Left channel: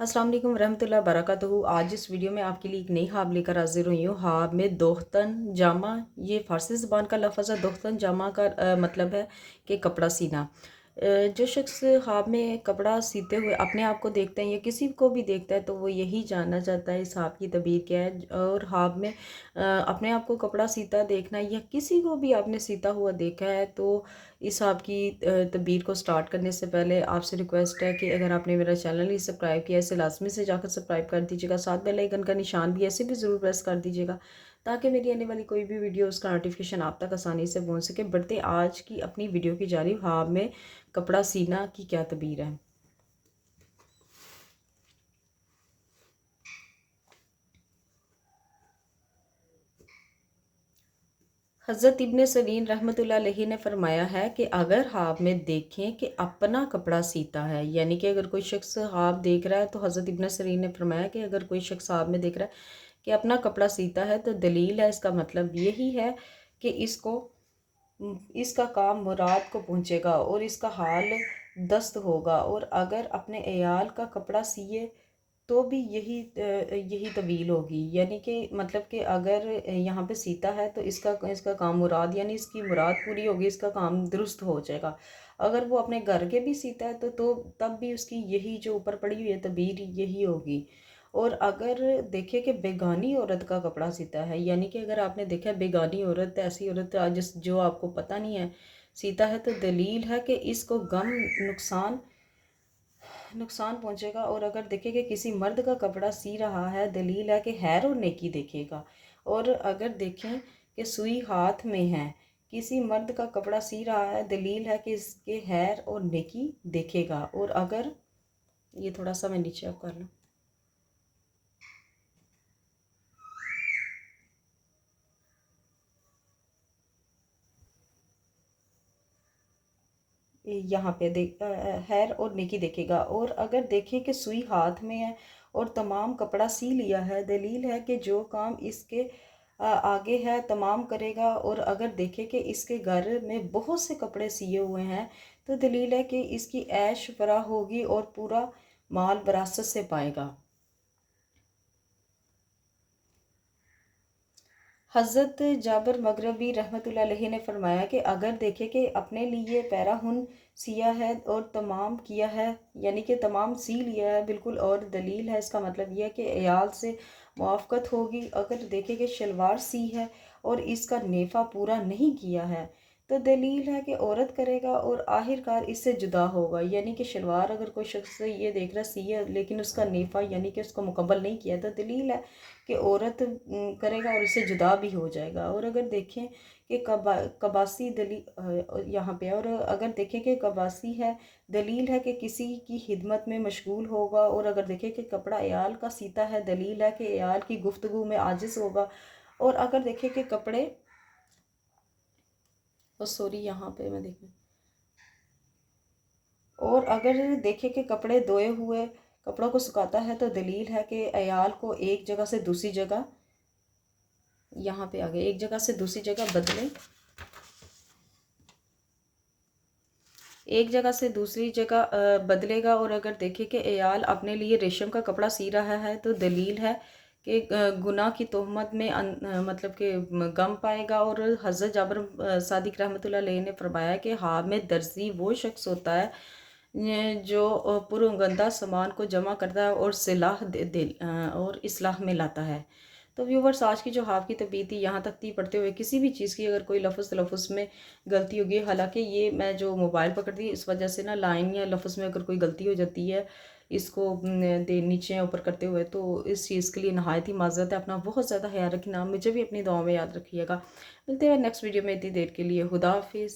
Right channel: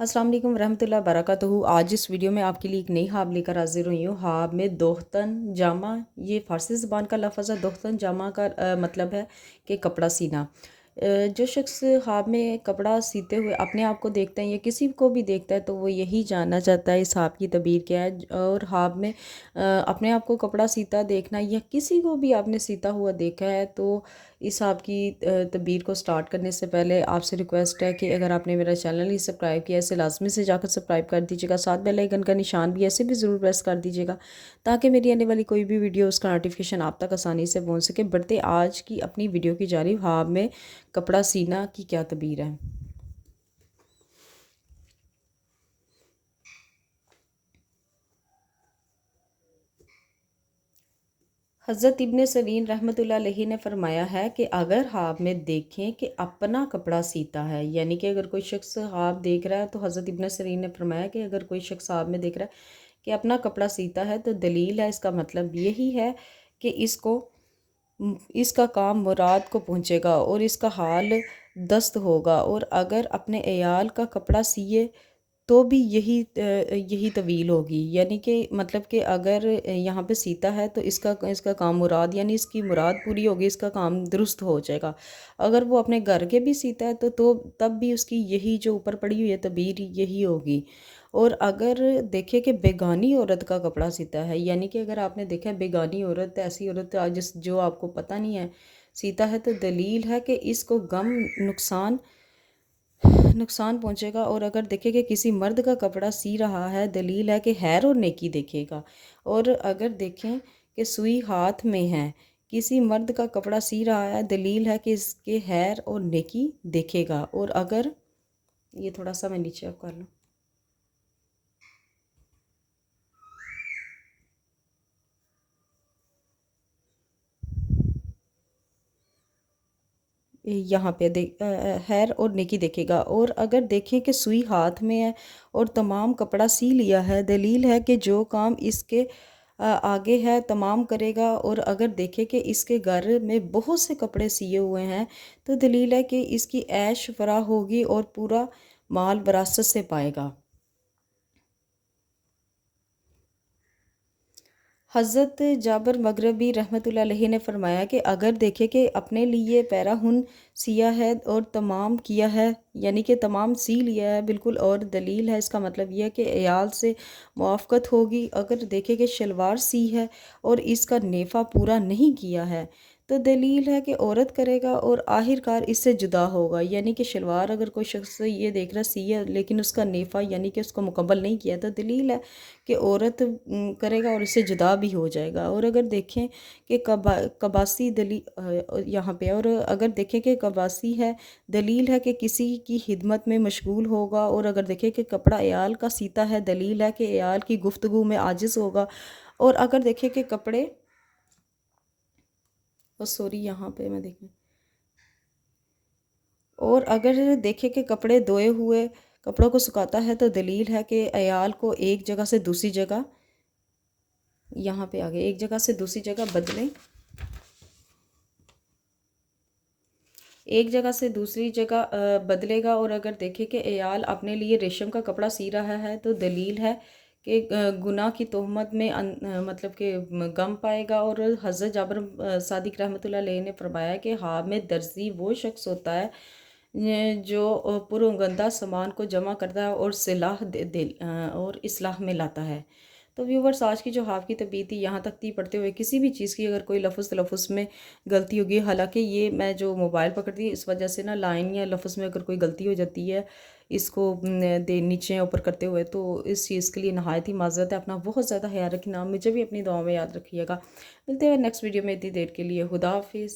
अस्सलाम वालेकुम रहमतुल्लाहि वबरकातुहू। आज इस वीडियो में आपके लिए एक नई हाब लेकर हाजिर हुई हूँ। हाब में दोख्तन जामा, ये फ़ारसी ज़बान का लफ्ज़ है। दोख्तन जामा का मतलब है कि कपड़ा सीना। जो शख्स हाब में कपड़ा सीते हुए अपने आप को देखता है या किसी को भी देखता है तो वो यही जानना चाहता है इस हाब की तबीर क्या है। और हाब में अपने आप को कपड़ा सीता देखना या किसी को भी आपने सीता हुआ देखा है तो इस आपकी तबीर को स्टार्ट करने से पहले आपसे रिक्वेस्ट है कि अगर आपने मेरा चैनल नहीं सब्सक्राइब किया इसे लाजमी से जाकर सब्सक्राइब कर दीजिएगा। साथ बेल आइकन का निशान भी ऐसे भी ज़रूर प्रेस कर दीजिएगा ताकि मेरी आने वाली कोई भी वीडियो उसका नोटिफिकेशन आप तक आसानी से पहुंच सके। बढ़ते आज की अपनी वीडियो की जानिब, हाब में कपड़ा सीना की क्या तबीर है। हज़रत इब्न सीरीन रहमतुल्लाह अलैहि ने फरमाया है कि अगर हाब में देखें कि अपना कपड़ा सीता है, यानी कि अगर कोई शख्स हाब देख रहा है तो हज़रत इब्न सीरीन ने फरमाया कि अगर कोई शख्स हाब में देख रहा है कि अपना कपड़ा सीता है तो दलील है, इसका मतलब यही है कि इसका काम मुराद को पहुँचेगा और इसका हाल दस्त होगा। और अगर अपने अयाल का कपड़ा सिए तो भी यही तवील होगी, यानी कि मतलब कि अगर यहाँ पे सीता है तो इसका इसका काम मुराद, यानी इसकी मुराद पूरी होगी, इसका काम दुरुस्त हो जाएगा। अगर वो अपने घर के भी सीता है तो तब भी उसकी यही जो ऊपर पड़ी हुई है तबीर यही होगी। और अगर देखे कि बेगानी औरत का कपड़ा सीता है, यानी कि अगर आपने देखा है बेगानी औरत, ऐसी औरत जिस जो आपको पता नहीं है सीता है, तो दलील है कि इसको गम नुकसान पहुंचेगा। और अगर देखे कि किसी मर्द का कपड़ा सी रहा है, दलील है कि खैर और नेकी देखेगा। और अगर देखें कि सुई हाथ में है, किसी मर्द का कपड़ा सी रहा है, दलील है कि इसके खैर और नेकी देखेगा। और अगर ये थोड़ा सा मैं नीचे आप कर लूँ, यहाँ पे देख खैर और नेकी देखेगा। और अगर देखें कि सुई हाथ में है और तमाम कपड़ा सी लिया है, दलील है कि जो काम इसके आगे है तमाम करेगा। और अगर देखे कि इसके घर में बहुत से कपड़े सिए हुए हैं तो दलील है कि इसकी ऐश फराह होगी और पूरा माल विरासत से पाएगा। हज़रत जाबर मगरबी रहमतुल्लाह अलैहि ने फरमाया कि अगर देखे कि अपने लिए पैराहुन सिया है और तमाम किया है, यानी कि तमाम सी लिया है बिल्कुल, और दलील है इसका मतलब यह है कि अयाल से मुआफ़क़त होगी। अगर देखे कि शलवार सी है और इसका नेफ़ा पूरा नहीं किया है तो दलील है कि औरत करेगा और आखिरकार इससे जुदा होगा। यानी कि शलवार अगर कोई शख्स ये देख रहा सी है लेकिन उसका नेफ़ा यानी कि उसको मुकम्मल नहीं किया तो दलील है कि औरत करेगा और इससे जुदा भी हो जाएगा। और अगर देखें कि कबासी यहाँ पे, और अगर देखें कि कबासी है, दलील है कि किसी की खिदमत में मशगूल होगा। और अगर देखें कि कपड़ा अयाल का सीता है, दलील है कि अयाल की गुफ्तगू में आजिज़ होगा। और अगर देखें कि कपड़े और सॉरी यहाँ पे मैं देखूँ, और अगर देखें कि कपड़े धोए हुए कपड़ों को सुखाता है तो दलील है कि अयाल को एक जगह से दूसरी जगह, यहाँ पे आ गए, एक जगह से दूसरी जगह बदलें, एक जगह से दूसरी जगह बदलेगा। और अगर देखें कि अयाल अपने लिए रेशम का कपड़ा सी रहा है तो दलील है कि गुनाह की तोहमत में मतलब कि गम पाएगा। और हज़रत जाबर सादिक रहमतुल्लाह अलैहि ने फरमाया कि हाँ में दर्जी वो शख्स होता है जो पुरगंदा सामान को जमा करता है और और इस्लाह में लाता है। तो व्यूवर्स, आज की जो हाफ की तबीयत थी यहाँ तक थी। पढ़ते हुए किसी भी चीज़ की अगर कोई लफ्ज़ तलफ़ुज़ में गलती होगी, हालांकि ये मैं जो मोबाइल पकड़ती इस वजह से ना लाइन या लफ्ज़ में अगर कोई गलती हो जाती है इसको दे नीचे ऊपर करते हुए, तो इस चीज़ के लिए नहायत ही माज़रत है। अपना बहुत ज़्यादा ख्याल रखना, मुझे भी अपनी दुआ में याद रखिएगा। मिलते हैं नेक्स्ट वीडियो में, इतनी देर के लिए खुदा हाफिज़।